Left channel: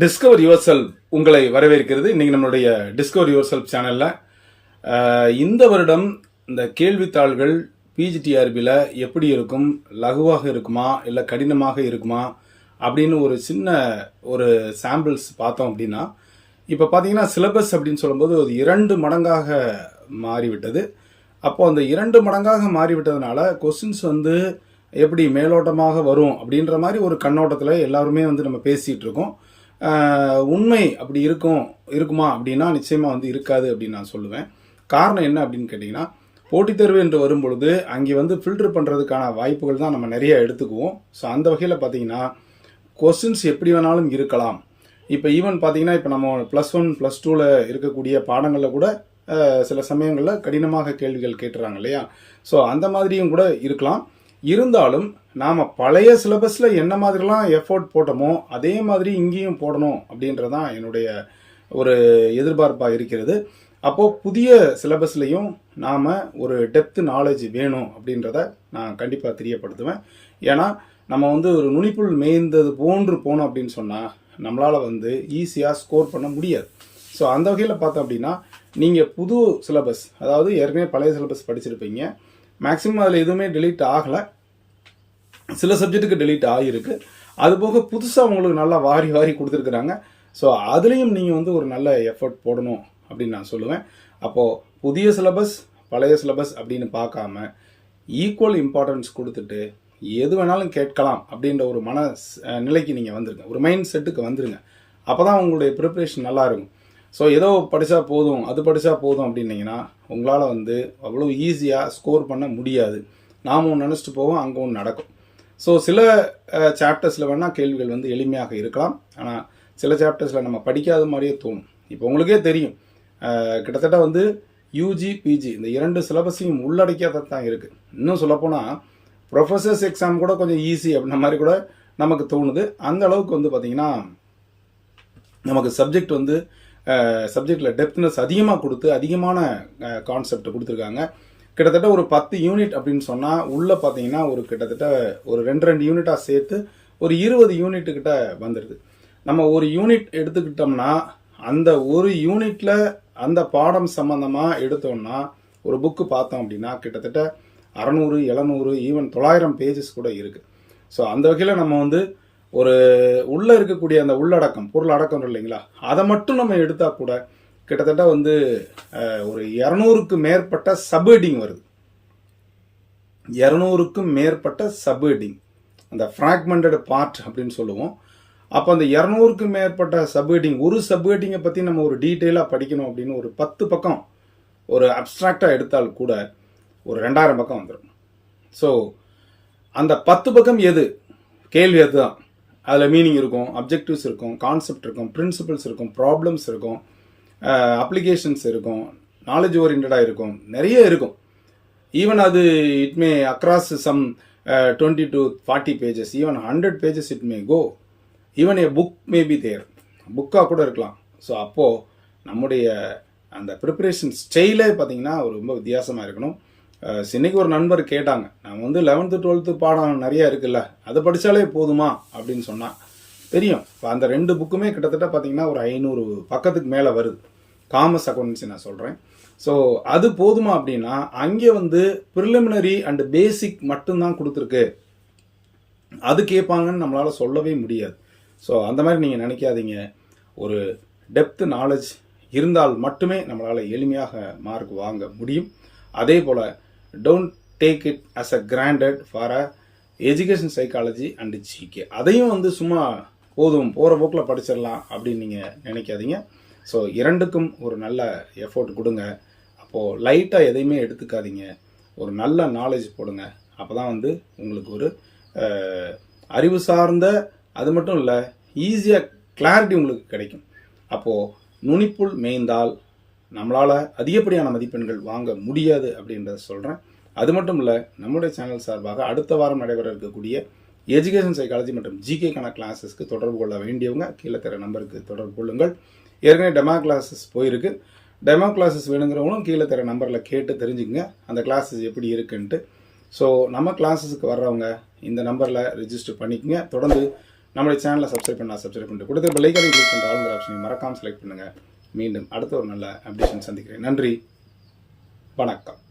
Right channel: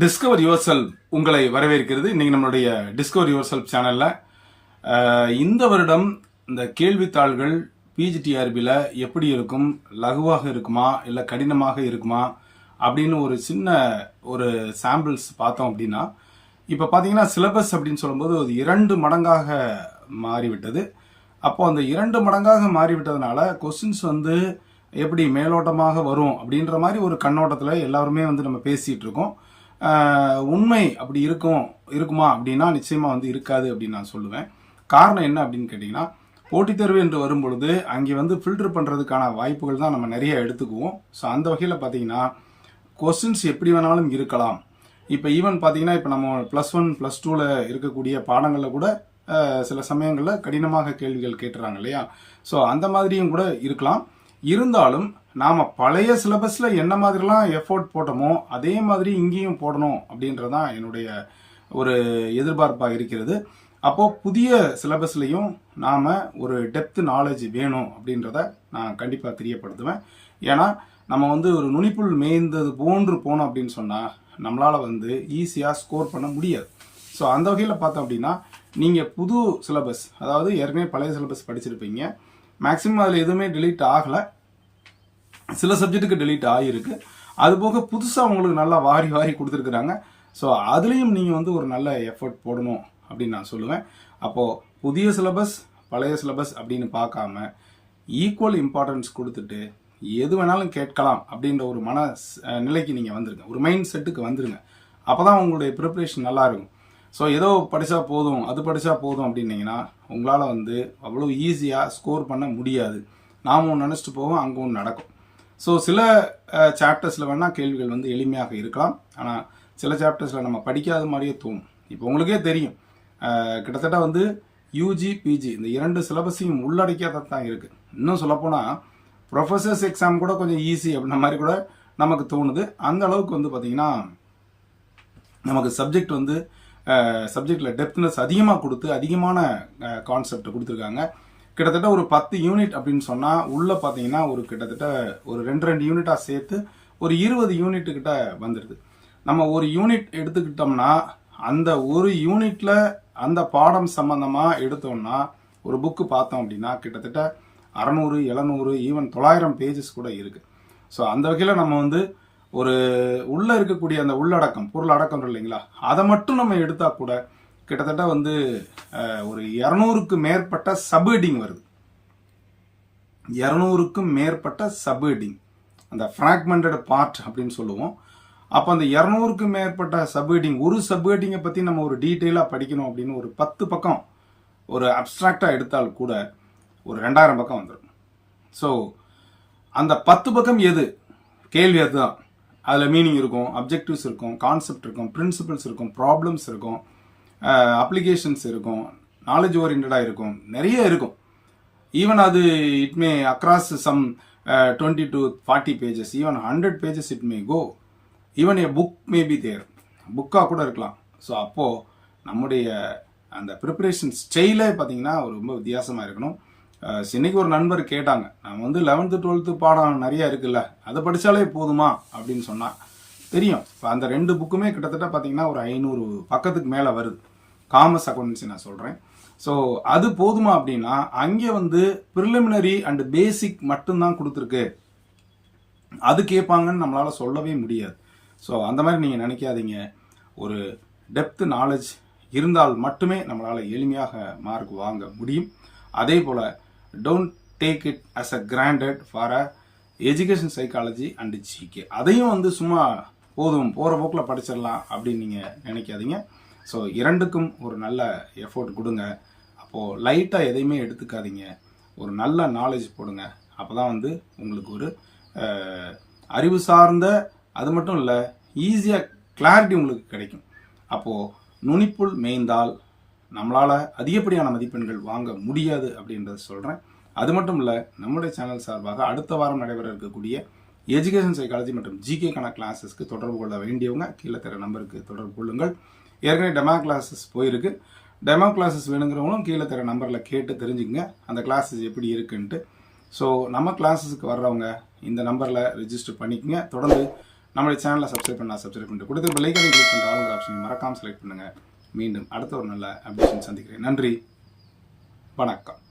Discover your self உங்களை வரவேற்கிறது. இன்னைக்கு நம்மளுடைய டிஸ்கவர் யுவர் செல்ஃப் சேனல்ல இந்த வருடம் இந்த கேள்வித்தாள்கள் பிஜிடிஆர்பியில் எப்படி இருக்கும் லகுவாக இருக்குமா இல்லை கடினமாக இருக்குமா அப்படின்னு ஒரு சின்ன ஒரு சாம்பிள்ஸ் பார்த்தோம் அப்படின்னா இப்போ பார்த்தீங்கன்னா சிலபஸ் அப்படின்னு சொல்லும்போது அது இரண்டு மடங்காக மாறிவிட்டது. அப்போ அந்த இரண்டு மடங்காக மாறிவிட்டதுனால கொஸ்டின்ஸ் வந்து எப்படி மேலோட்டமாக வரும் அப்படின்ற மாதிரி ஒரு கண்ணோட்டத்தில் எல்லாருமே வந்து நம்ம பேசிகிட்டு இருக்கோம். உண்மை அப்படி இருக்கும் இருக்குமா அப்படின்னா நிச்சயமாக வந்து இருக்காது அப்படின்னு நான் சொல்லுவேன். காரணம் என்ன அப்படின்னு கேட்டிங்கன்னா போட்டித் தேர்வு என்று வரும்பொழுது அங்கே வந்து ஃபில்டர் பண்ணுறதுக்கான வாய்ப்புகள் தான் நம்ம நிறைய எடுத்துக்குவோம். ஸோ அந்த வகையில் பார்த்தீங்கன்னா கொஸ்டின்ஸ் எப்படி வேணாலும் இருக்கலாம். இப்போ ஈவன் பார்த்தீங்கன்னா இப்போ நம்ம ப்ளஸ் ஒன் ப்ளஸ் டூவில் இருக்கக்கூடிய பாடங்களில் கூட சில சமயங்களில் கடினமாக கேள்விகள் கேட்டுறாங்க இல்லையா? ஸோ அந்த மாதிரியும் கூட இருக்கலாம். இருந்தாலும் நாம் பழைய சிலபஸில் என்ன மாதிரிலாம் எஃபோர்ட் போட்டோமோ அதே மாதிரி இங்கேயும் போடணும் அப்படின்றது தான் என்னுடைய ஒரு எதிர்பார்ப்பாக இருக்கிறது. அப்போது புதிய சிலபஸ்லையும் நாம் ஒரு டெப்த் நாலேஜ் வேணும் அப்படின்றத நான் கண்டிப்பாக தெரியப்படுத்துவேன். ஏன்னா நம்ம வந்து ஒரு நுனிப்புள் மேய்ந்தது போன்று போனோம் அப்படின்னு சொன்னால் நம்மளால் வந்து ஈஸியாக ஸ்கோர் பண்ண முடியாது. ஸோ அந்த வகையில் பார்த்தோம் அப்படின்னா நீங்கள் புது சிலபஸ் அதாவது ஏற்கனவே பழைய சிலபஸ் படிச்சிருப்பீங்க. மேக்ஸிமம் அதில் எதுவுமே டெலீட் ஆகலை. சில சப்ஜெக்ட்டுக்கு டெலீட் ஆகியிருக்கு அது போக புதுசாக உங்களுக்கு நல்லா வாரி வாரி கொடுத்துருக்குறாங்க. ஸோ அதுலேயும் நீங்கள் வந்து ஒரு நல்ல எஃபர்ட் போடணும் அப்படின்னு நான் சொல்லுவேன். அப்போது புதிய சிலபஸ் பழைய சிலபஸ் அப்படின்னு பார்க்காம ஈக்குவல் இம்பார்ட்டன்ஸ் கொடுத்துட்டு எது வேணாலும் கேட்கலாம் அப்படின்ற ஒரு மன நிலைக்கு நீங்கள் வந்துருங்க. ஒரு மைண்ட் செட்டுக்கு வந்துருங்க. அப்போ தான் உங்களுடைய ப்ரிப்ரேஷன் நல்லாயிருக்கும் ஸோ ஏதோ படித்தா போதும் அது படித்தா போதும் அப்படின்னீங்கன்னா உங்களால் வந்து அவ்வளோ ஈஸியாக ஸ்கோர் பண்ண முடியாது. நாம் ஒன்று நினச்சிட்டு போவோம் அங்கே ஒன்று நடக்கும். ஸோ சில சாப்டர்ஸில் வேணால் கேள்விகள் வந்து எளிமையாக இருக்கலாம். ஆனால் சில சாப்டர்ஸில் நம்ம படிக்காத மாதிரியே தோணும். இப்போ உங்களுக்கே தெரியும். கிட்டத்தட்ட வந்து யூஜி பிஜி இந்த இரண்டு சிலபஸையும் உள்ளடக்கியதாக தான் இருக்குது இன்னும் சொல்லப்போனால் ப்ரொஃபஸர்ஸ் எக்ஸாம் கூட கொஞ்சம் ஈஸி அப்படின்ற மாதிரி கூட நமக்கு தோணுது. அந்த அளவுக்கு வந்து பார்த்திங்கன்னா நமக்கு சப்ஜெக்ட் வந்து சப்ஜெக்டில் டெப்த்னஸ் அதிகமாக கொடுத்து அதிகமான கான்செப்ட் கொடுத்துருக்காங்க. கிட்டத்தட்ட ஒரு பத்து யூனிட் அப்படின்னு சொன்னால் உள்ளே பார்த்தீங்கன்னா ஒரு கிட்டத்தட்ட ஒரு ரெண்டு ரெண்டு யூனிட்டாக சேர்த்து ஒரு இருபது யூனிட்டுக்கிட்ட வந்துடுது நம்ம ஒரு யூனிட் எடுத்துக்கிட்டோம்னா அந்த ஒரு யூனிட்டில் அந்த பாடம் சம்மந்தமாக எடுத்தோம்னா ஒரு புக்கு பார்த்தோம் அப்படின்னா கிட்டத்தட்ட அறநூறு எழுநூறு ஈவன் தொள்ளாயிரம் பேஜஸ் கூட இருக்குது ஸோ அந்த வகையில் நம்ம வந்து ஒரு உள்ளே இருக்கக்கூடிய அந்த உள்ளடக்கம் பொருள் அடக்கம் இல்லைங்களா? அதை மட்டும் நம்ம எடுத்தால் கூட கிட்டத்தட்ட வந்து ஒரு இரநூறுக்கு மேற்பட்ட சப்ஹெட்டிங் வருது. இரநூறுக்கும் மேற்பட்ட சப்ஹெட்டிங் அந்த ஃப்ராக்மெண்டட் பார்ட் அப்படின்னு சொல்லுவோம். அப்போ அந்த இரநூறுக்கும் மேற்பட்ட சப்ஹெட்டிங் ஒரு சப்ஹெட்டிங்கை பற்றி நம்ம ஒரு டீட்டெயிலாக படிக்கணும் அப்படின்னு ஒரு பத்து பக்கம் ஒரு அப்ட்ராக்டாக எடுத்தால் கூட ஒரு ரெண்டாயிரம் பக்கம் வந்துடும் ஸோ அந்த பத்து பக்கம் எது? கேள்வி அதுதான். அதில் மீனிங் இருக்கும் அப்ஜெக்டிவ்ஸ் இருக்கும் கான்செப்ட் இருக்கும் பிரின்சிபல்ஸ் இருக்கும் ப்ராப்ளம்ஸ் இருக்கும் அப்ளிகேஷன்ஸ் இருக்கும் நாலேஜ் ஓரியன்டாக இருக்கும் நிறைய இருக்கும். ஈவன் அது it may across some twenty to forty pages even hundred pages it may go even a book may be there புக்காக கூட இருக்கலாம். ஸோ அப்போது நம்முடைய அந்த ப்ரிப்பரேஷன் ஸ்டைலே பார்த்தீங்கன்னா ஒரு ரொம்ப வித்தியாசமாக இருக்கணும். இன்னைக்கு ஒரு நண்பர் கேட்டாங்க நான் வந்து லெவன்த்து டுவெல்த்து பாடம் நிறையா இருக்குல்ல அதை படித்தாலே போதுமா? அப்படின்னு சொன்னால் தெரியும். இப்போ அந்த ரெண்டு புக்குமே கிட்டத்தட்ட பார்த்தீங்கன்னா ஒரு ஐநூறு பக்கத்துக்கு மேலே வருது. காமர்ஸ் அக்கௌண்டன்சி நான் சொல்கிறேன் ஸோ அது போதுமா அப்படின்னா அங்கே வந்து ப்ரிலிமினரி அண்ட் பேசிக் மட்டும்தான் கொடுத்துருக்கு. அது கேட்பாங்கன்னு நம்மளால் சொல்லவே முடியாது. ஸோ அந்த மாதிரி நீங்கள் நினைக்காதீங்க. ஒரு டெப்த் நாலேஜ் இருந்தால் மட்டுமே நம்மளால் எளிமையாக மார்க் வாங்க முடியும். அதே போல் don't take it as a granted for a education psychology and GK அதையும் வந்து சும்மா போதும் போகிற போக்கில் படிச்சிடலாம் அப்படின்னு நீங்கள் நினைக்காதீங்க. ஸோ இரண்டுக்கும் ஒரு நல்ல எஃபோர்ட் கொடுங்க. அப்போது லைட்டாக எதையுமே எடுத்துக்காதீங்க. ஒரு நல்ல நாலேஜ் போடுங்க. அப்போ தான் வந்து உங்களுக்கு ஒரு அறிவு சார்ந்த அது மட்டும் இல்லை ஈஸியாக கிளாரிட்டி உங்களுக்கு கிடைக்கும். அப்போது நுனிப்புள் மேய்ந்தால் நம்மளால் அதிகப்படியான மதிப்பெண்கள் வாங்க முடியாது அப்படின்றத சொல்கிறேன் அது மட்டும் இல்லை நம்முடைய சேனல் சார்பாக அடுத்த வாரம் நடைபெற இருக்கக்கூடிய எஜுகேஷன் சைக்காலஜி மற்றும் ஜிகேக்கான கிளாஸஸ்க்கு தொடர்பு கொள்ள வேண்டியவங்க கீழே தர நம்பருக்கு தொடர்பு கொள்ளுங்கள். ஏற்கனவே டெமா கிளாஸஸ் போயிருக்கு. டெமோ கிளாஸஸ் வேணுங்கிறவங்களும் கீழே தர நம்பரில் கேட்டு தெரிஞ்சுக்கங்க. அந்த கிளாஸஸ் எப்படி இருக்குன்ட்டு. ஸோ நம்ம கிளாஸஸுக்கு வர்றவங்க இந்த நம்பரில் ரிஜிஸ்டர் பண்ணிக்கங்க. தொடர்ந்து நம்மளுடைய சேனலை சப்ஸ்கிரைப் பண்ணால் சப்ஸ்கிரைப் பண்ணிட்டு கொடுத்த பெல்லைக்கான கிளிக் பண்ணுற ஆளுங்கிற ஆப்ஷனை மறக்காமல் செலக்ட் பண்ணுங்கள் மீண்டும் அடுத்த ஒரு நல்ல அப்டேஷன் சந்திக்கிறேன். நன்றி. வணக்கம்.